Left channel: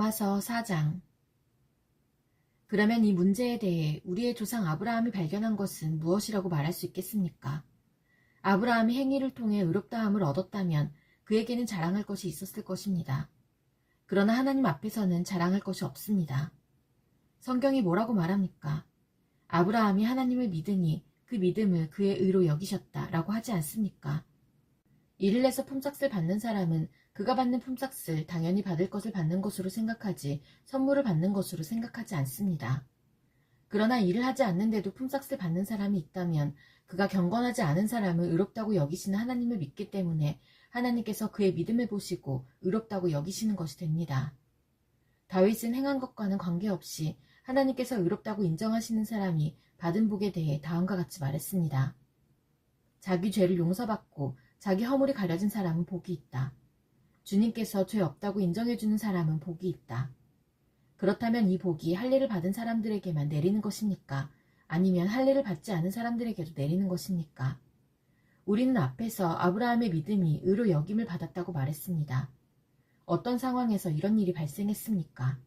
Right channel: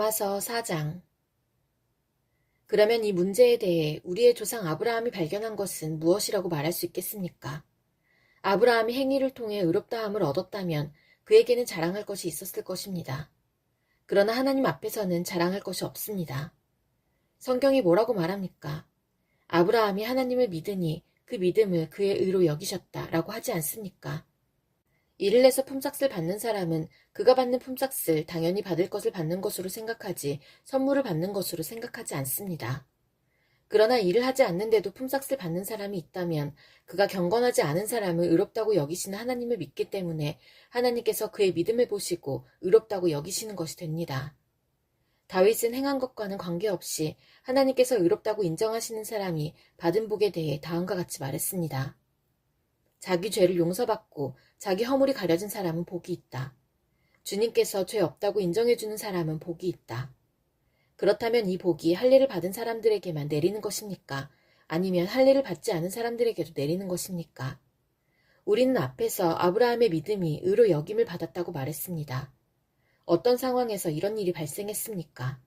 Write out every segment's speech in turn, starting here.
로마서 4장. 그러면 이 문제에 대해 우리의 조상 아브라함이 발견한 것은 무엇이라고 말할 수 있겠습니까? 아브라함이 행위를 통해 의롭다함을 얻었다면 그에게는 자랑할 것이 있었을 것입니다. 그러나 하나님 앞에서는 자랑할 것이 없습니다. 성경이 뭐라고 말합니까? 아브라함이 하나님을 믿으니 그 믿음을 그의 의로 여기셨다라고 하지 않습니까? 일을 내서 품삯을 받는 사람은 그가 받는 품삯을 당연히 받을 것을 받는 것으로 생각하지 선물을 받는 것으로 생각하지 않습니다. 그러나 일을 하지 않는데도 품삯을 받는 사람이 있다면 그가 경건하지 않은 사람을 의롭다고 여기시는 하나님을 믿기 때문에 하나님께서 그의 믿음을 보시고 의롭다고 여기시는 것이 됩니다. 다윗은 행한 것과는 관계없이 하나님께서 의롭다고 인정하시는 사람이 받은 복에 대해 다음과 같이 말했습니다. 자기 죄를 용서받고 자기 허물이 가려진 사람은 복이 있다. 주님께서 죄 없다고 인정해주는 사람은 복이 있다. 그렇다면 이 복이 할례를 받은 사람들에게만 내리는 것입니까? 아니면 할례를 받지 않은 사람들에게도 내리는 것입니까? 우리는 앞에서 아브라함의 믿음이 의로 여김을 받았다고 말했습니다. 어떤 상황에서 이런 일이 발생했습니까?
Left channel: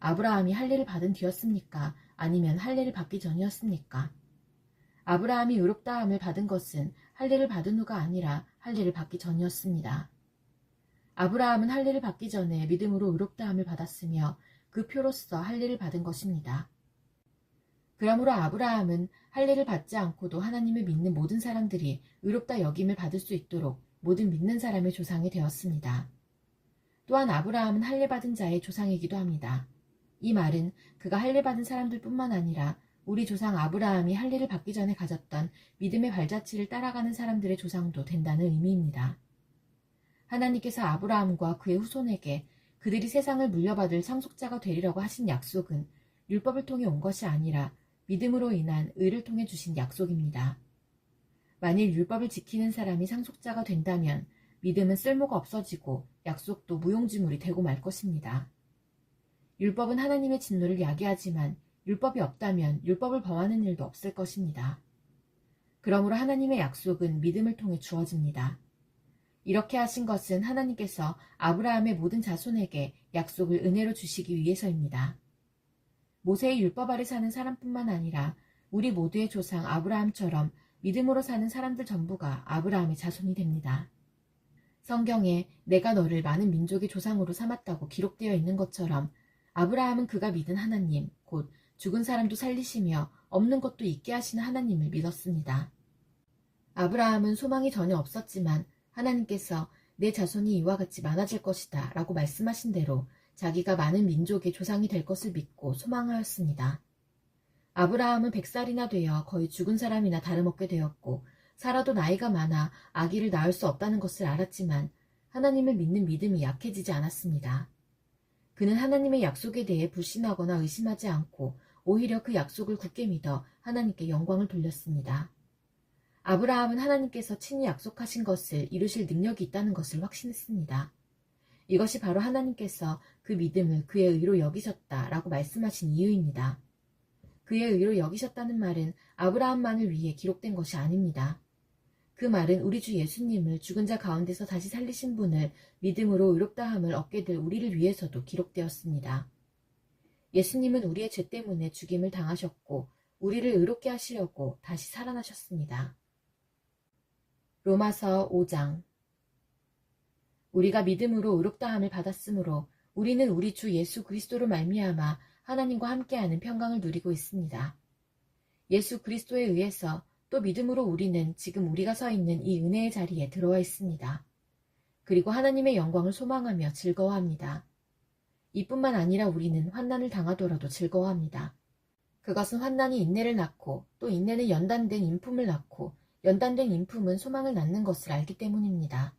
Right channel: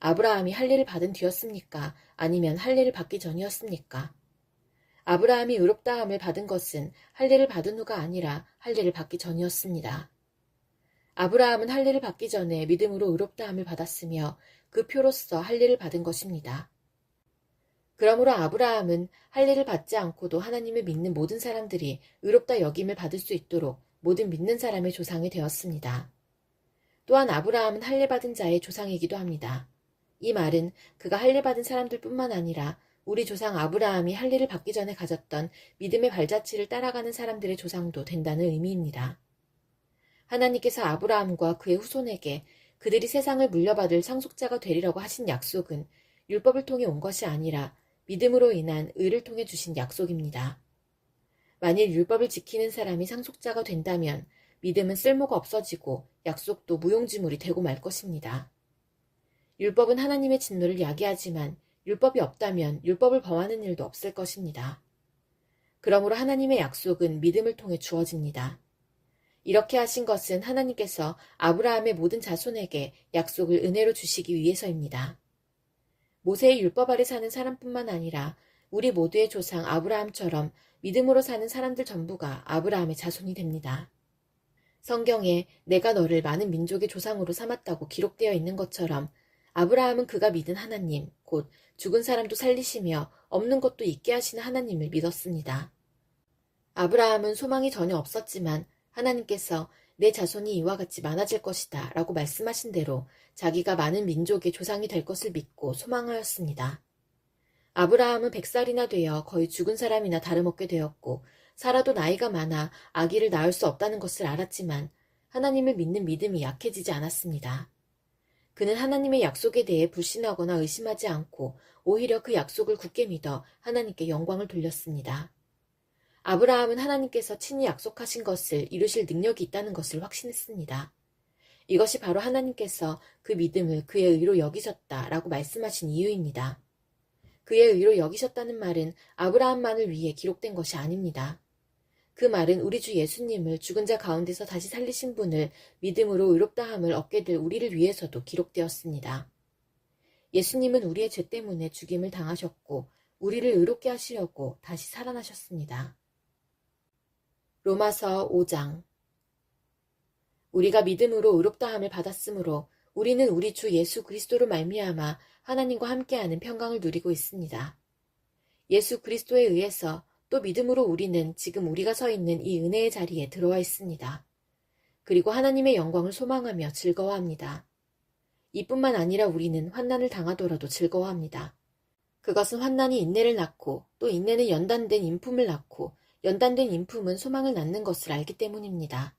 아브라함이 할례를 받은 뒤였습니까? 아니면 할례를 받기 전이었습니까? 아브라함이 의롭다함을 받은 것은 할례를 받은 후가 아니라 할례를 받기 전이었습니다. 아브라함은 할례를 받기 전에 믿음으로 의롭다함을 받았으며 그 표로서 할례를 받은 것입니다. 그러므로 아브라함은 할례를 받지 않고도 하나님을 믿는 모든 사람들이 의롭다 여김을 받을 수 있도록 모든 믿는 사람의 조상이 되었습니다. 또한 아브라함은 할례 받은 자의 조상이기도 합니다. 이 말은 그가 할례 받은 사람들뿐만 아니라 우리 조상 아브라함이 할례를 받기 전에 가졌던 믿음의 발자취를 따라가는 사람들의 조상도 된다는 의미입니다. 하나님께서 아브라함과 그의 후손에게 그들이 세상을 물려받을 상속자가 되리라고 하신 약속은 율법을 통해 온 것이 아니라 믿음으로 인한 의를 통해 주신 약속입니다. 만일 율법을 지키는 사람이 상속자가 된다면 믿음은 쓸모가 없어지고 약속도 무용지물이 되고 말 것입니다. 율법은 하나님의 진노를 야기하지만 율법이 없다면 율법을 범하는 일도 없을 것입니다. 그러므로 하나님의 약속은 믿음을 통해 주어집니다. 이렇게 하신 것은 하나님께서 아브라함의 모든 자손에게 약속을 은혜로 주시기 위해서입니다. 모세의 율법 아래 사는 사람뿐만 아니라 우리 모두의 조상 아브라함처럼 믿음으로 사는 사람들 전부가 아브라함의 자손이 됩니다. 성경에 내가 너를 많은 민족의 조상으로 삼았다고 기록되어 있는 것처럼 아브라함은 그가 믿은 하나님, 곧 죽은 사람도 살리시며 없는 것도 있게 하시는 하나님을 믿었습니다. 아브라함은 소망이 전혀 없었지만 하나님께서 내 자손이 이와 같이 많아질 것이다 라고 말씀하신 대로 자기가 많은 민족의 조상이 될 것을 믿고 소망하였습니다. 아브라함은 100살이나 되어 거의 죽은 사람이나 다름없게 되었고 살아도 나이가 많아 아기를 낳을 수 없다는 것을 알았지만 하나님을 믿는 믿음이 약해지지 않았습니다. 그는 하나님의 약속에 대해 불신하거나 의심하지 않고 오히려 그 약속을 굳게 믿어 하나님께 영광을 돌렸습니다. 아브라함은 하나님께서 친히 약속하신 것을 이루실 능력이 있다는 것을 확신했습니다. 이것이 바로 하나님께서 그 믿음을 그의 의로 여기셨다라고 말씀하신 이유입니다. 그의 의로 여기셨다는 말은 아브라함만을 위해 기록된 것이 아닙니다. 그 말은 우리 주 예수님을 죽은 자 가운데서 다시 살리신 분을 믿음으로 의롭다함을 얻게 될 우리를 위해서도 기록되었습니다. 예수님은 우리의 죄 때문에 죽임을 당하셨고 우리를 의롭게 하시려고 다시 살아나셨습니다. 로마서 5장. 우리가 믿음으로 의롭다함을 받았으므로 우리는 우리 주 예수 그리스도로 말미암아 하나님과 함께하는 평강을 누리고 있습니다. 예수 그리스도에 의해서 또 믿음으로 우리는 지금 우리가 서 있는 이 은혜의 자리에 들어와 있습니다. 그리고 하나님의 영광을 소망하며 즐거워합니다. 이뿐만 아니라 우리는 환난을 당하더라도 즐거워합니다. 그것은 환난이 인내를 낳고 또 인내는 연단된 인품을 낳고 연단된 인품은 소망을 낳는 것을 알기 때문입니다.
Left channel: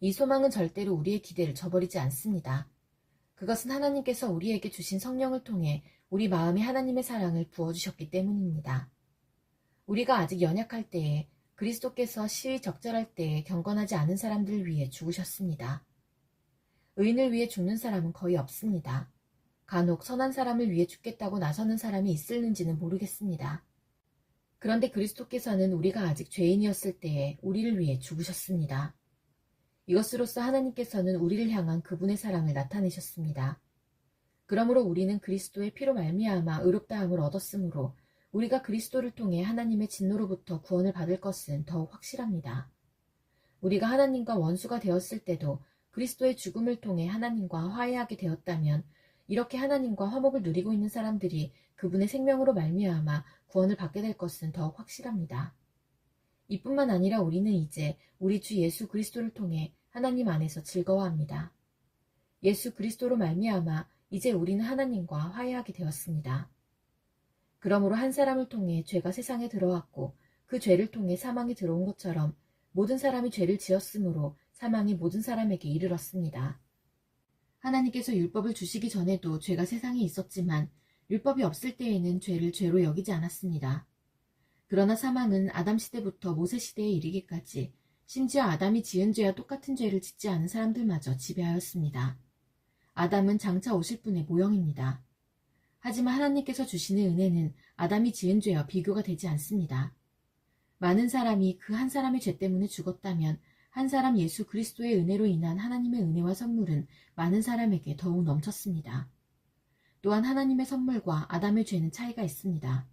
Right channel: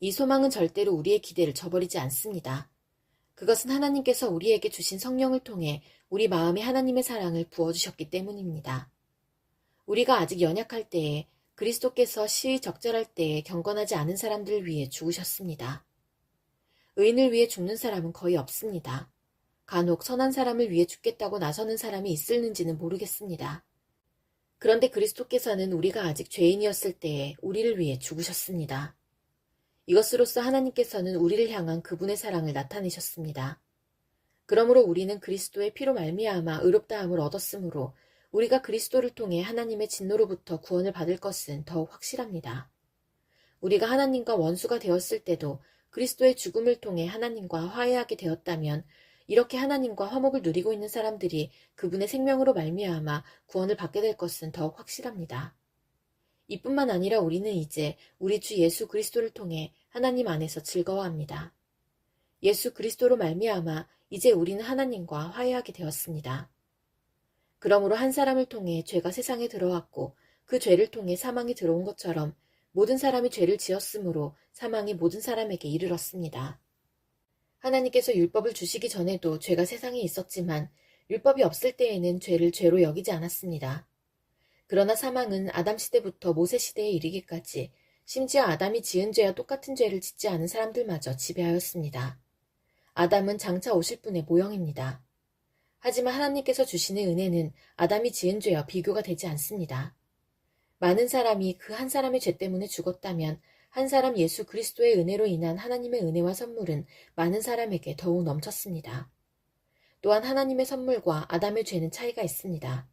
이 소망은 절대로 우리의 기대를 저버리지 않습니다. 그것은 하나님께서 우리에게 주신 성령을 통해 우리 마음에 하나님의 사랑을 부어주셨기 때문입니다. 우리가 아직 연약할 때에 그리스도께서 시의 적절할 때에 경건하지 않은 사람들을 위해 죽으셨습니다. 의인을 위해 죽는 사람은 거의 없습니다. 간혹 선한 사람을 위해 죽겠다고 나서는 사람이 있을는지는 모르겠습니다. 그런데 그리스도께서는 우리가 아직 죄인이었을 때에 우리를 위해 죽으셨습니다. 이것으로써 하나님께서는 우리를 향한 그분의 사랑을 나타내셨습니다. 그러므로 우리는 그리스도의 피로 말미암아 의롭다함을 얻었으므로 우리가 그리스도를 통해 하나님의 진노로부터 구원을 받을 것은 더욱 확실합니다. 우리가 하나님과 원수가 되었을 때도 그리스도의 죽음을 통해 하나님과 화해하게 되었다면 이렇게 하나님과 화목을 누리고 있는 사람들이 그분의 생명으로 말미암아 구원을 받게 될 것은 더욱 확실합니다. 이뿐만 아니라 우리는 이제 우리 주 예수 그리스도를 통해 하나님 안에서 즐거워합니다. 예수 그리스도로 말미암아 이제 우리는 하나님과 화해하게 되었습니다. 그러므로 한 사람을 통해 죄가 세상에 들어왔고 그 죄를 통해 사망이 들어온 것처럼 모든 사람이 죄를 지었으므로 사망이 모든 사람에게 이르렀습니다. 하나님께서 율법을 주시기 전에도 죄가 세상에 있었지만 율법이 없을 때에는 죄를 죄로 여기지 않았습니다. 그러나 사망은 아담 시대부터 모세 시대에 이르기까지 심지어 아담이 지은 죄와 똑같은 죄를 짓지 않은 사람들마저 지배하였습니다. 아담은 장차 오실 분의 모형입니다. 하지만 하나님께서 주시는 은혜는 아담이 지은 죄와 비교가 되지 않습니다. 많은 사람이 그 한 사람의 죄 때문에 죽었다면 한 사람 예수 그리스도의 은혜로 인한 하나님의 은혜와 선물은 많은 사람에게 더욱 넘쳤습니다. 또한 하나님의 선물과 아담의 죄는 차이가 있습니다.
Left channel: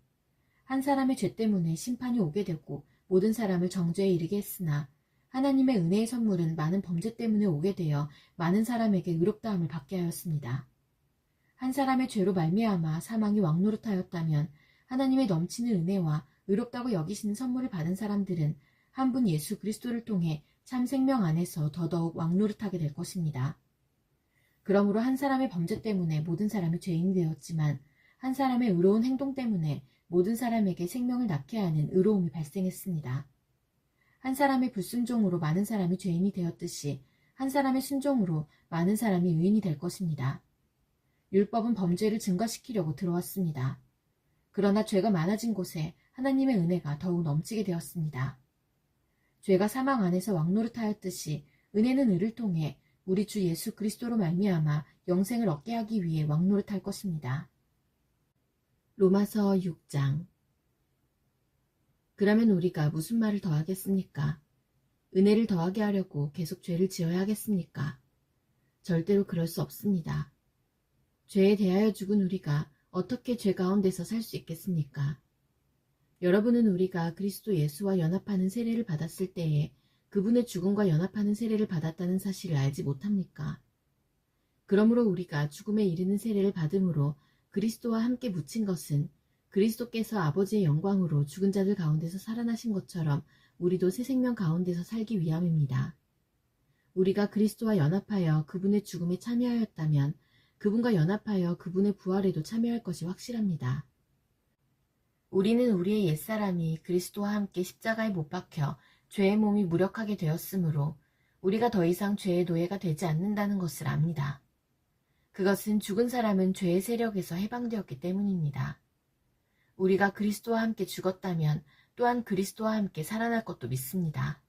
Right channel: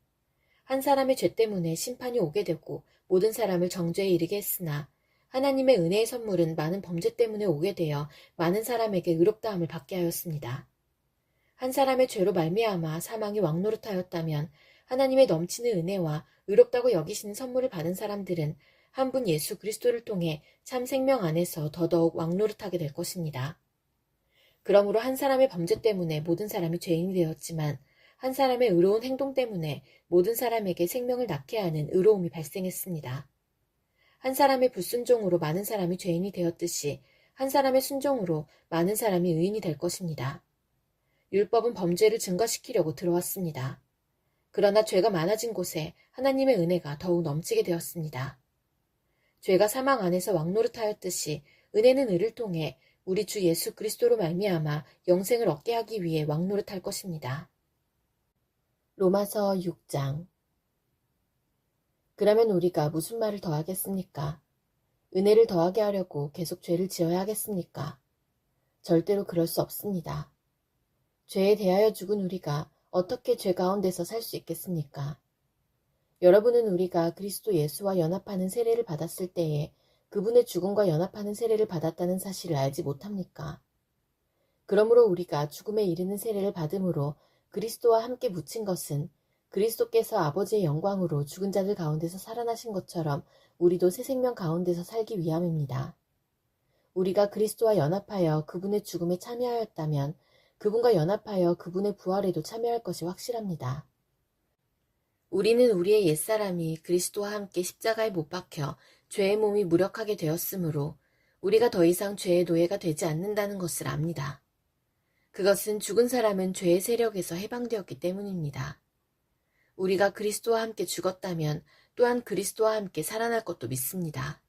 한 사람의 죄 때문에 심판이 오게 되고 모든 사람을 정죄에 이르게 했으나 하나님의 은혜의 선물은 많은 범죄 때문에 오게 되어 많은 사람에게 의롭다함을 받게 하였습니다. 한 사람의 죄로 말미암아 사망이 왕노릇하였다면 하나님의 넘치는 은혜와 의롭다고 여기시는 선물을 받은 사람들은 한 분 예수 그리스도를 통해 참 생명 안에서 더더욱 왕노릇하게 될 것입니다. 그러므로 한 사람의 범죄 때문에 모든 사람이 죄인이 되었지만 한 사람의 의로운 행동 때문에 모든 사람에게 생명을 낳게 하는 의로움이 발생했습니다. 한 사람의 불순종으로 많은 사람이 죄인이 되었듯이 한 사람의 순종으로 많은 사람이 의인이 될 것입니다. 율법은 범죄를 증가시키려고 들어왔습니다. 그러나 죄가 많아진 곳에 하나님의 은혜가 더욱 넘치게 되었습니다. 죄가 사망 안에서 왕노릇하였듯이 은혜는 의를 통해 우리 주 예수 그리스도로 말미암아 영생을 얻게 하기 위해 왕노릇할 것입니다. 로마서 6장. 그러면 우리가 무슨 말을 더하겠습니까? 은혜를 더하게 하려고 계속 죄를 지어야 하겠습니까? 절대로 그럴 수 없습니다. 죄에 대하여 죽은 우리가 어떻게 죄 가운데서 살 수 있겠습니까? 여러분은 우리가 그리스도 예수와 연합하는 세례를 받았을 때에 그분의 죽음과 연합하는 세례를 받았다는 사실을 알지 못합니까? 그러므로 우리가 죽음에 이르는 세례를 받음으로 그리스도와 함께 묻힌 것은 그리스도께서 아버지의 영광으로 죽은 자들 가운데서 살아나신 것처럼 우리도 새 생명 가운데서 살기 위함입니다. 우리가 그리스도와 연합하여 그분의 죽음에 참여하였다면 그분과 연합하여 그분의 부활에도 참여할 것이 확실합니다. 우리는 우리의 옛사람이 그리스도와 함께 십자가에 못 박혀 죄의 몸이 무력하게 되었으므로 우리가 더 이상 죄의 노예가 되지 않는다는 것을 압니다. 그것은 죽은 사람은 죄의 세력에서 해방되었기 때문입니다. 우리가 그리스도와 함께 죽었다면 또한 그리스도와 함께 살아날 것도 믿습니다.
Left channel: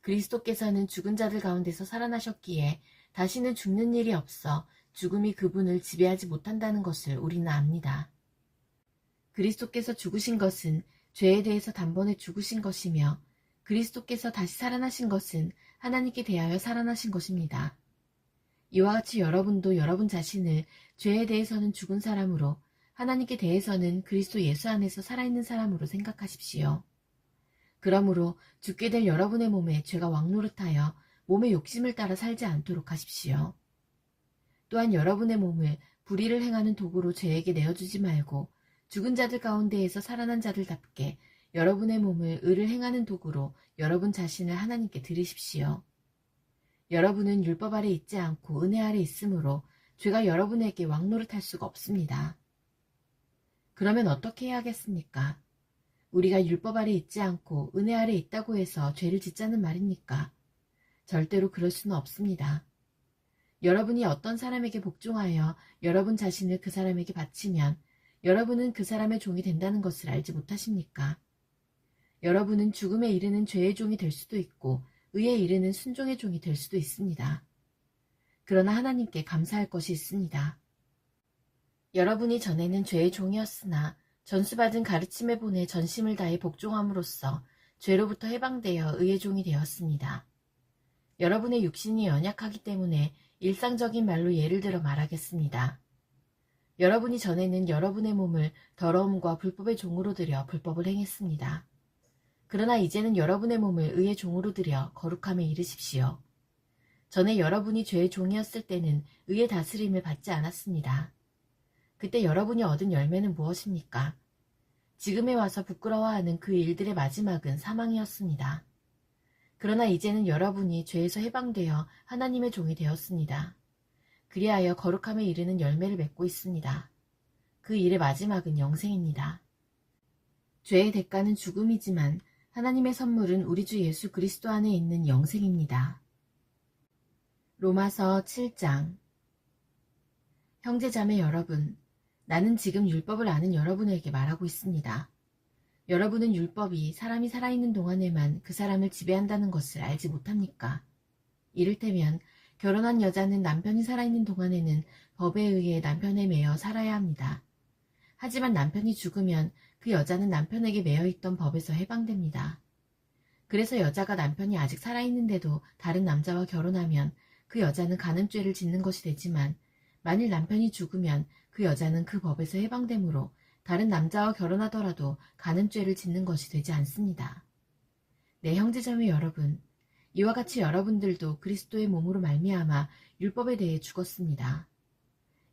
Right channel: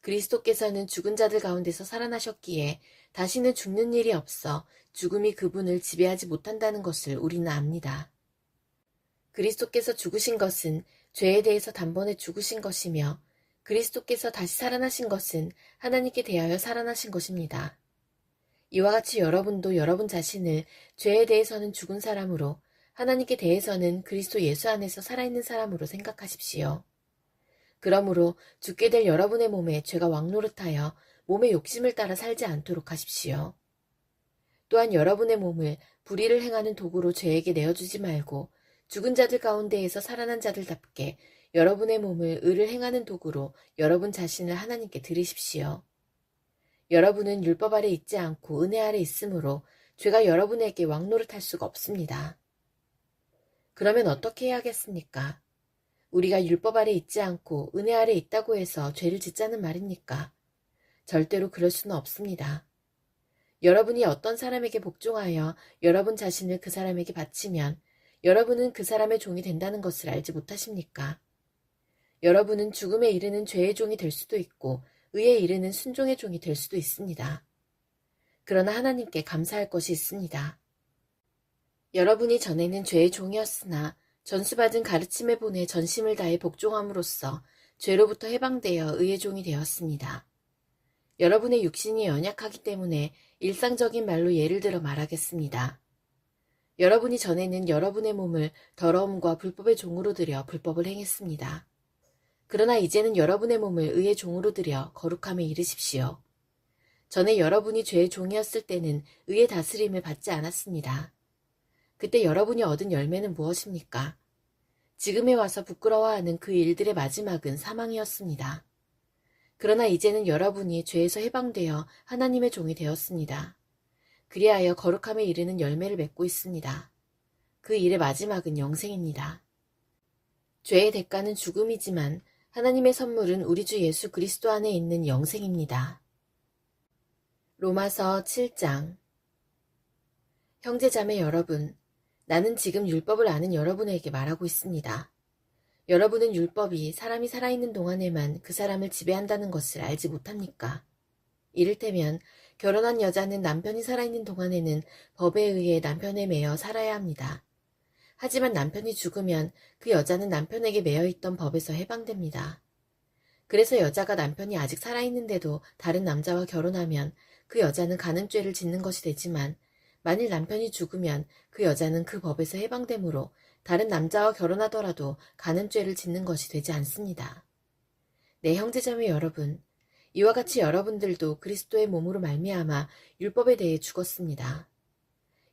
그리스도께서는 죽은 자들 가운데서 살아나셨기에 다시는 죽는 일이 없어 죽음이 그분을 지배하지 못한다는 것을 우리는 압니다. 그리스도께서 죽으신 것은 죄에 대해서 단번에 죽으신 것이며 그리스도께서 다시 살아나신 것은 하나님께 대하여 살아나신 것입니다. 이와 같이 여러분도 여러분 자신을 죄에 대해서는 죽은 사람으로 하나님께 대해서는 그리스도 예수 안에서 살아있는 사람으로 생각하십시오. 그러므로 죽게 될 여러분의 몸에 죄가 왕노릇하여 몸의 욕심을 따라 살지 않도록 하십시오. 또한 여러분의 몸을 불의를 행하는 도구로 죄에게 내어주지 말고 죽은 자들 가운데에서 살아난 자들답게 여러분의 몸을 의를 행하는 도구로 여러분 자신을 하나님께 드리십시오. 여러분은 율법 아래 있지 않고 은혜 아래 있으므로 죄가 여러분에게 왕노릇할 수가 없습니다. 그러면 어떻게 해야겠습니까? 우리가 율법 아래 있지 않고 은혜 아래 있다고 해서 죄를 짓자는 말입니까? 절대로 그럴 수는 없습니다. 여러분이 어떤 사람에게 복종하여 여러분 자신을 그 사람에게 바치면 여러분은 그 사람의 종이 된다는 것을 알지 못하십니까? 여러분은 죽음에 이르는 죄의 종이 될 수도 있고 의에 이르는 순종의 종이 될 수도 있습니다. 그러나 하나님께 감사할 것이 있습니다. 여러분이 전에는 죄의 종이었으나 전수받은 가르침에 본해 전심을 다해 복종함으로써 죄로부터 해방되어 의의 종이 되었습니다. 여러분의 육신이 연약하기 때문에 일상적인 말로 예를 들어 말하겠습니다. 여러분이 전에는 여러분의 몸을 더러움과 불법의 종으로 들여 불법을 행했습니다. 그러나 이제는 여러분의 몸을 의의 종으로 들여 거룩함에 이르십시오. 전에 여러분이 죄의 종이었을 때는 의의 다스림을 받지 않았습니다. 그때 여러분이 얻은 열매는 무엇입니까? 지금에 와서 부끄러워하는 그 일들의 마지막은 사망이었습니다. 그러나 이제는 여러분이 죄에서 해방되어 하나님의 종이 되었습니다. 그리하여 거룩함에 이르는 열매를 맺고 있습니다. 그 일의 마지막은 영생입니다. 죄의 대가는 죽음이지만 하나님의 선물은 우리 주 예수 그리스도 안에 있는 영생입니다. 로마서 7장. 형제자매 여러분, 나는 지금 율법을 아는 여러분에게 말하고 있습니다. 여러분은 율법이 사람이 살아있는 동안에만 그 사람을 지배한다는 것을 알지 못합니까? 이를테면 결혼한 여자는 남편이 살아있는 동안에는 법에 의해 남편에 매여 살아야 합니다. 하지만 남편이 죽으면 그 여자는 남편에게 매여있던 법에서 해방됩니다. 그래서 여자가 남편이 아직 살아있는데도 다른 남자와 결혼하면 그 여자는 간음죄를 짓는 것이 되지만 만일 남편이 죽으면 그 여자는 그 법에서 해방되므로 다른 남자와 결혼하더라도 간음죄를 짓는 것이 되지 않습니다. 네, 형제자매 여러분, 이와 같이 여러분들도 그리스도의 몸으로 말미암아 율법에 대해 죽었습니다.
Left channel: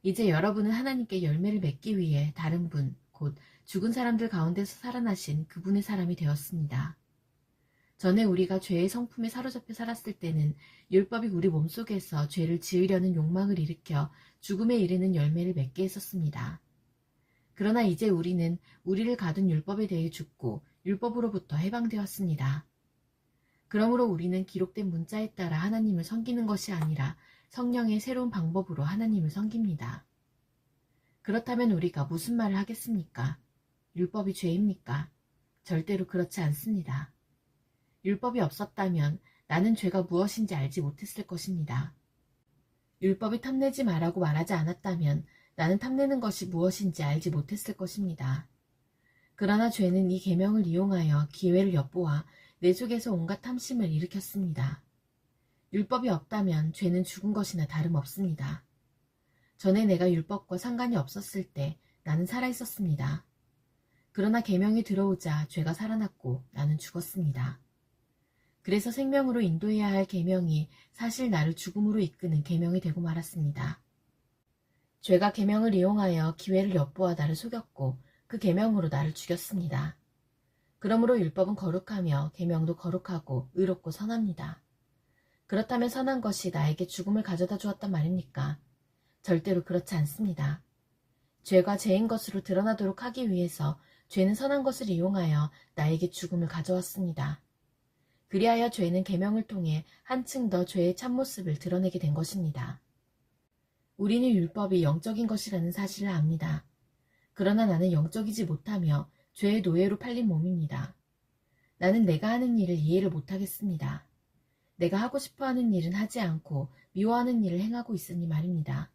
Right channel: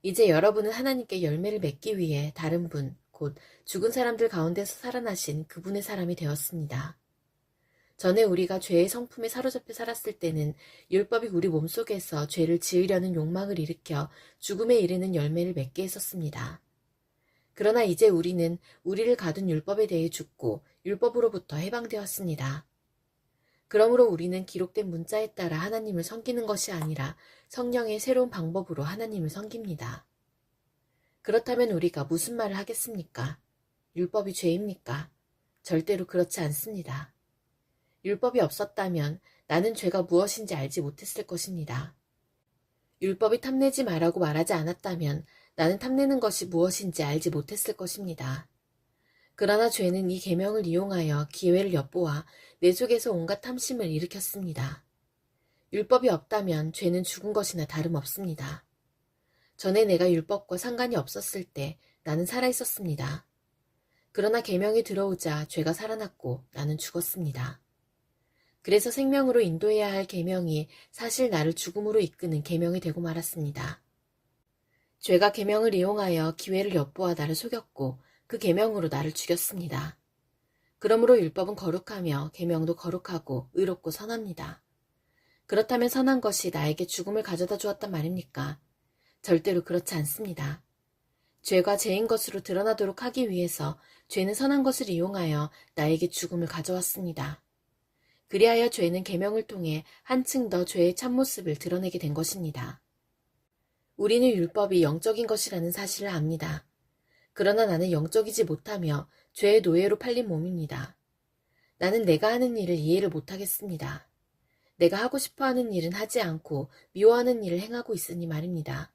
이제 여러분은 하나님께 열매를 맺기 위해 다른 분, 곧 죽은 사람들 가운데서 살아나신 그분의 사람이 되었습니다. 전에 우리가 죄의 성품에 사로잡혀 살았을 때는 율법이 우리 몸속에서 죄를 지으려는 욕망을 일으켜 죽음에 이르는 열매를 맺게 했었습니다. 그러나 이제 우리는 우리를 가둔 율법에 대해 죽고 율법으로부터 해방되었습니다. 그러므로 우리는 기록된 문자에 따라 하나님을 섬기는 것이 아니라 성령의 새로운 방법으로 하나님을 섬깁니다. 그렇다면 우리가 무슨 말을 하겠습니까? 율법이 죄입니까? 절대로 그렇지 않습니다. 율법이 없었다면 나는 죄가 무엇인지 알지 못했을 것입니다. 율법이 탐내지 말라고 말하지 않았다면 나는 탐내는 것이 무엇인지 알지 못했을 것입니다. 그러나 죄는 이 계명을 이용하여 기회를 엿보아 내 속에서 온갖 탐심을 일으켰습니다. 율법이 없다면 죄는 죽은 것이나 다름없습니다. 전에 내가 율법과 상관이 없었을 때 나는 살아있었습니다. 그러나 계명이 들어오자 죄가 살아났고 나는 죽었습니다. 그래서 생명으로 인도해야 할 계명이 사실 나를 죽음으로 이끄는 계명이 되고 말았습니다. 죄가 계명을 이용하여 기회를 엿보아 나를 속였고 그 계명으로 나를 죽였습니다. 그러므로 율법은 거룩하며 계명도 거룩하고 의롭고 선합니다. 그렇다면 선한 것이 나에게 죽음을 가져다 주었단 말입니까? 절대로 그렇지 않습니다. 죄가 죄인 것으로 드러나도록 하기 위해서 죄는 선한 것을 이용하여 나에게 죽음을 가져왔습니다. 그리하여 죄는 계명을 통해 한층 더 죄의 참모습을 드러내게 된 것입니다. 우리는 율법이 영적인 것이라는 사실을 압니다. 그러나 나는 영적이지 못하며 죄의 노예로 팔린 몸입니다. 나는 내가 하는 일을 이해를 못하겠습니다. 내가 하고 싶어하는 일은 하지 않고 미워하는 일을 행하고 있으니 말입니다.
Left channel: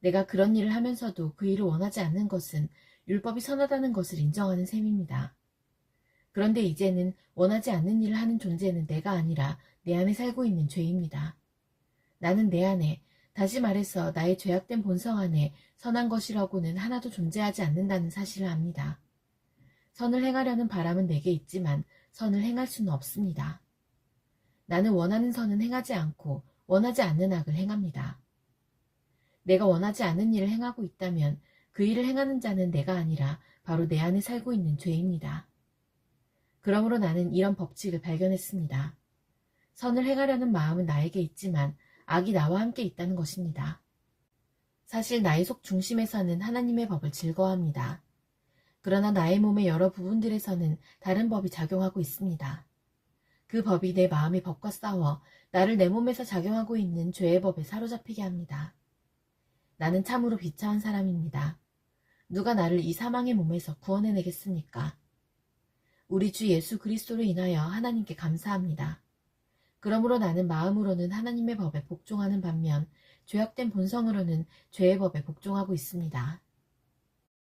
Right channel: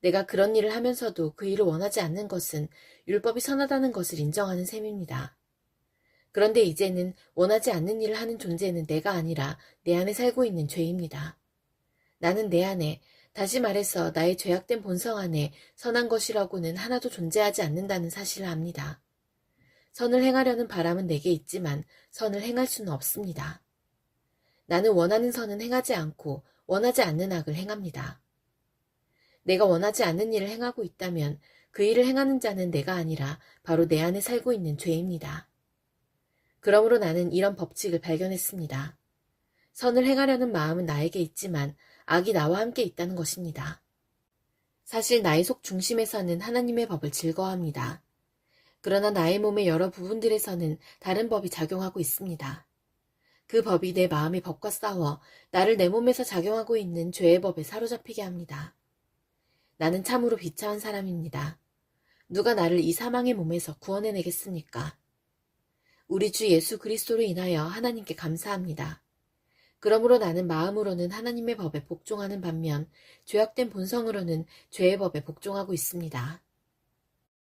내가 그런 일을 하면서도 그 일을 원하지 않는 것은 율법이 선하다는 것을 인정하는 셈입니다. 그런데 이제는 원하지 않는 일을 하는 존재는 내가 아니라 내 안에 살고 있는 죄입니다. 나는 내 안에, 다시 말해서 나의 죄악된 본성 안에 선한 것이라고는 하나도 존재하지 않는다는 사실을 압니다. 선을 행하려는 바람은 내게 있지만 선을 행할 수는 없습니다. 나는 원하는 선은 행하지 않고 원하지 않는 악을 행합니다. 내가 원하지 않는 일을 행하고 있다면 그 일을 행하는 자는 내가 아니라 바로 내 안에 살고 있는 죄입니다. 그러므로 나는 이런 법칙을 발견했습니다. 선을 행하려는 마음은 나에게 있지만 악이 나와 함께 있다는 것입니다. 사실 나의 속 중심에서는 하나님의 법을 즐거워합니다. 그러나 나의 몸의 여러 부분들에서는 다른 법이 작용하고 있습니다. 그 법이 내 마음의 법과 싸워 나를 내 몸에서 작용하고 있는 죄의 법에 사로잡히게 합니다. 나는 참으로 비참한 사람입니다. 누가 나를 이 사망의 몸에서 구원해내겠습니까? 우리 주 예수 그리스도로 인하여 하나님께 감사합니다. 그러므로 나는 마음으로는 하나님의 법에 복종하는 반면 죄악된 본성으로는 죄의 법에 복종하고 있습니다.